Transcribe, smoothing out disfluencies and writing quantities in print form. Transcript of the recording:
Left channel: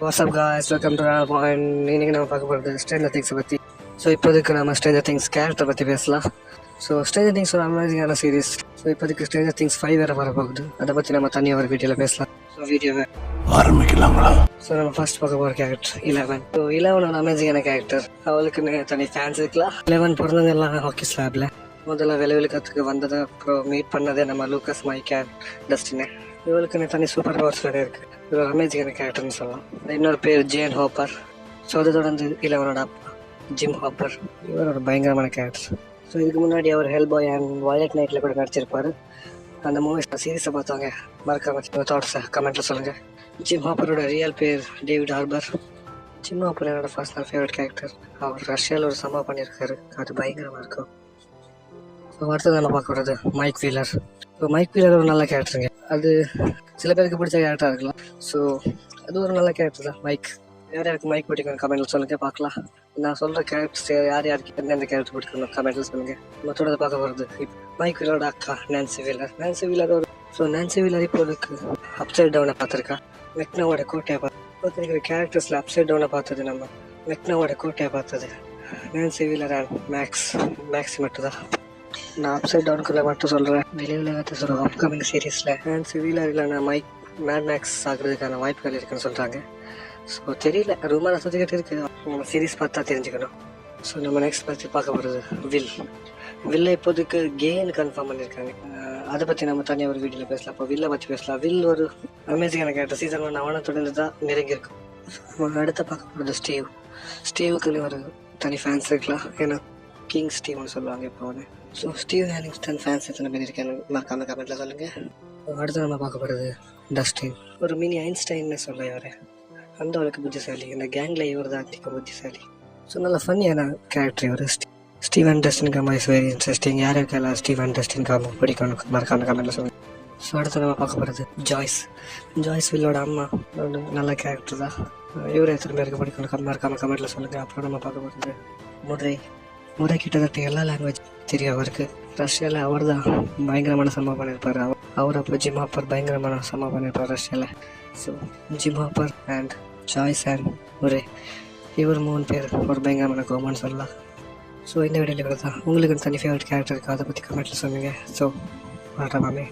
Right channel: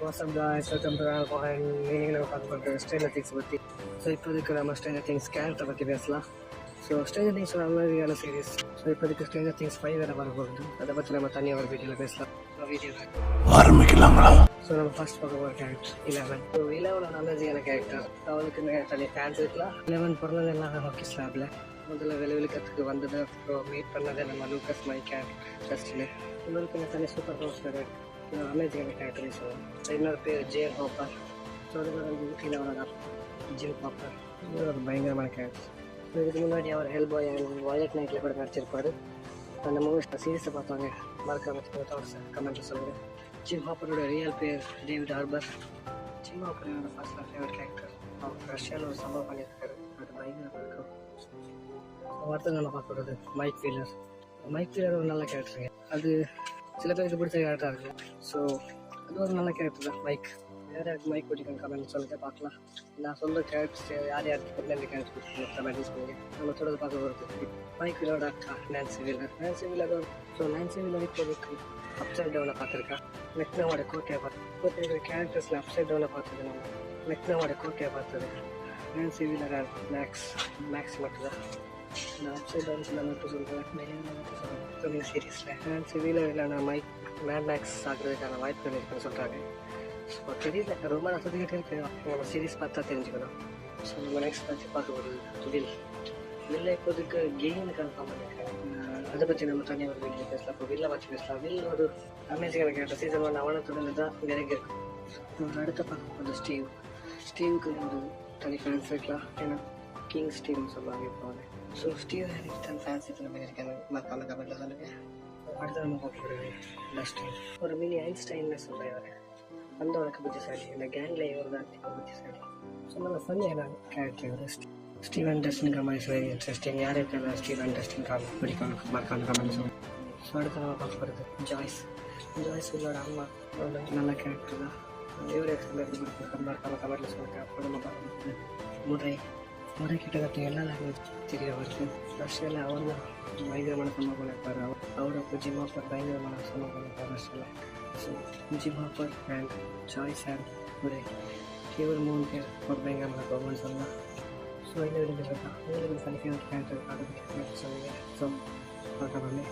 WhatsApp guys, welcome to point. இன்றைக்கி நம்ம பார்க்க போகிறது ஸ்ட்ரேஞ்சர் திங்ஸை பற்றி. ஸோ இப்போதைக்கு நம்ம ஸ்ட்ரேஞ்சர் திங்ஸ் கேரக்டர் பற்றி பேசலாம். ஸோ ஸ்ட்ரேஞ்சர் திங்ஸ் ஒரு அமேசிங்கான சீரிஸ். ஸோ இப்போதைக்கு ஸ்ட்ரேஞ்சர் திங்ஸ் 5 வேறு வரப்போகுது. அதை பற்றி நம்ம தனியாக ஒரு வீடியோவில் பேசலாம். ஸோ வீடியோவை ஆரம்பிக்கலாங்களா? ஸோ நம்ம ஃபர்ஸ்ட் பார்க்க போகிற கேரக்டர் 11. ஸோ 11 ஒரு அமேசிங்கான கேரக்டர். அவளுக்குன்னு தனி ஃபேன்ஸ் இருக்கலாம். 11 பிறந்தது எல்லாம் ஹாக்கி ஸ்லாபில் முதல்ல விளைவிலுக்கத்துக்கு வந்ததை அப்புறம் மீட் பண்ணதே நம்ம லூக்கஸ், மைக் அண்ட் டஸ்டினு. இவளுக்குன்னு தனி சூப்பர் பவர்ஸ் வேறு இருக்குது. இது ஒரு அமேசிங்கான கேரக்டர்னு சொல்லலாம். இன்னொரு பேர் ஜேன் ஹாப்பர். ஸோ அதை தொடர்ந்து 11ஓட அப்பா ஜிம் ஹாப்பர். இவர் ஒரு பயங்கரமான கேரக்டர். ஸோ இதுக்கு முன்னாடி அவர் ஹெல் பாய் அண்ட் வயலட் நைட்டில் கூட நடிச்சிருப்பார். அந்த மூவிஸ் சீரீஸை பார்த்தவங்க மறக்காம தாட்ஸை கமெண்ட்டில் சொல்லுங்கள். ஜிம் ஹாப்பரோட ரியல் பேர் டேவிட் ஹார்பர். ஜிம் ஹாப்பர் என்னோட பர்சனல் ஃபேவரட் கேரக்டர். அவர் ரஷ்யாவில் ஒரு சம்பவம் பண்ணியிருக்காரு, அது பயங்கரமாக இருக்கும். ஸோ அடுத்தது நம்ம பார்க்க வர்றது மைக் வீலர். இப்போ மைக் வீலர் ஒரு நல்ல கேரக்டருங்க. அது சில பேருக்கு பிடிச்ச கேரக்டராக இருக்கலாம். ஸோ அது ஒரு நல்ல கேரக்டர் தான் மைக். யார் யாருக்கு மைக் பிடிக்கணும் கமெண்ட்டில் சொல்லுங்கள், பார்க்கலாம். நான் சொல்கிற கேரக்டர்ஸ் யார் யாருக்கு எந்தெந்த கேரக்டர் பிடிக்கணும் கமெண்ட்டில் சொல்லுங்கள். நம்ம தொடர்ந்து பார்க்க போகிறது மைக் வீலரோட அக்கா நான்சி வீலர். நான்சி வீலர் ஒரு நான்சி வீலர் இப்போதுக்கு அப்சைட் டவுனை பார்த்துருக்கா. மெக்னாவோட கோட்டையை பார்த்து கேரக்டர்ஸில் அப்சைட் டவுனை பார்த்தது நம்ம மெக்னாவோட கோட்டையை பார்த்தது நான்சி வீலர் அண்ட் மேக்ஸ் மட்டும் தான். நான் அப்சைட் டவுனுக்குள்ளே மட்டும் சொல்கிறேன். வெளியுலகத்தை சொல்கிறேன். அப்கமிங் சீரீஸில் நான்சி வீலர் இல்லைன்னா மேட் மேக்ஸ் ஆகுறதுக்கான வாய்ப்புகள் இருக்குன்னு சொல்கிறாங்க. ஸோ தெரியல, ரொம்ப ரசத்துக்கிட்டு இருக்குது. நம்ம சீரீஸ் பார்த்தா தெரிஞ்சுக்கணும். ஸோ நம்ம நெக்ஸ்ட் பற்றி பார்க்க போகிறது வில்லை இப்போதைக்கு கேன்னு கன்ஃபார்ம் பண்ணியிருக்காங்க. அதை பற்றி நம்ம தனியாக ஒரு வீடியோவில் பேசலாம். இப்போ வில்லை பற்றி பேசலாம். வில் ஒரு அமேசிங்கான கேரக்டர். சீசன் 1 அவனை தொடர்ந்து தான் நெருங்கியிருக்கும். நம்ம அடுத்த பார்க்க போகிறது ஸ்டீவுக்குன்னு ஒரு தனி ஃபேன்ஸ் இருக்கலாம். ஏன்னா கிங் ஸ்டீவ்னு சொல்லுவாங்க இப்போ அவனு. ஸோ ஸ்டீவ் ஹேலிங்ஸ்டன் ஃபேன்ஸ் எத்தனை பேர் இருக்காங்க மறக்காம கமெண்ட்டில் சொல்லுங்கள். அடுத்து நம்ம பார்க்க போகிறது டஸ்டின். ஒரு மினி ஐன்ஸ்டைன்னு சொல்ல யார் அந்த அளவுக்கு புத்திசாலி. இந்த கேங்கில் இவர் தான் அதிக புத்திசாலி. ஸோ நல்ல ஃபன்னியான கேரக்டர் இவர். Steve and Dustin combo is very interesting. யார் இருக்கலாம் ஸ்டீவ் அண்ட் டஸ்டின் காம்போ பிடிக்கணும் மறக்காம கமெண்ட்டில் சொல்லுங்கள். ஸோ அடுத்து நம்ம பார்க்க போகிறது ஜாய்ஸ் வில்லோட அம்மா. ஒரு நல்ல கேரக்டர் தான். இவர் எத்தனை பேருக்கு பிடிக்கணும் மறக்காம கமெண்ட்டில் சொல்லுங்கள். அப்புறம் நம்ம பார்க்க போகிறது முறை கிட்டத்தட்ட எல்லா லாங்குவேஜ் தெரியும் அவருக்கு. ரஷ்யாவில் அவர் தான் பயங்கரமான சம்பவம் பண்ணியிருப்பார். அவர் அப்போ ஜிம் ஹாப்பர் பயங்கரமான சம்பவம் பண்ணியிருப்பார் ரஷ்யாவில். So Jim Hopper and Joyce and முறை இவர் 3 பேர் ஒரு பயங்கரமான கோமான்னு சொல்லலாம். ஸோ இந்த வீடியோவில் தான் உங்களுக்கு தனி ஃபேவரட் கேரக்டர் இருக்குது, அதை பற்றி கமெண்ட்டில் சொல்லுங்கள். ஸோ மாமே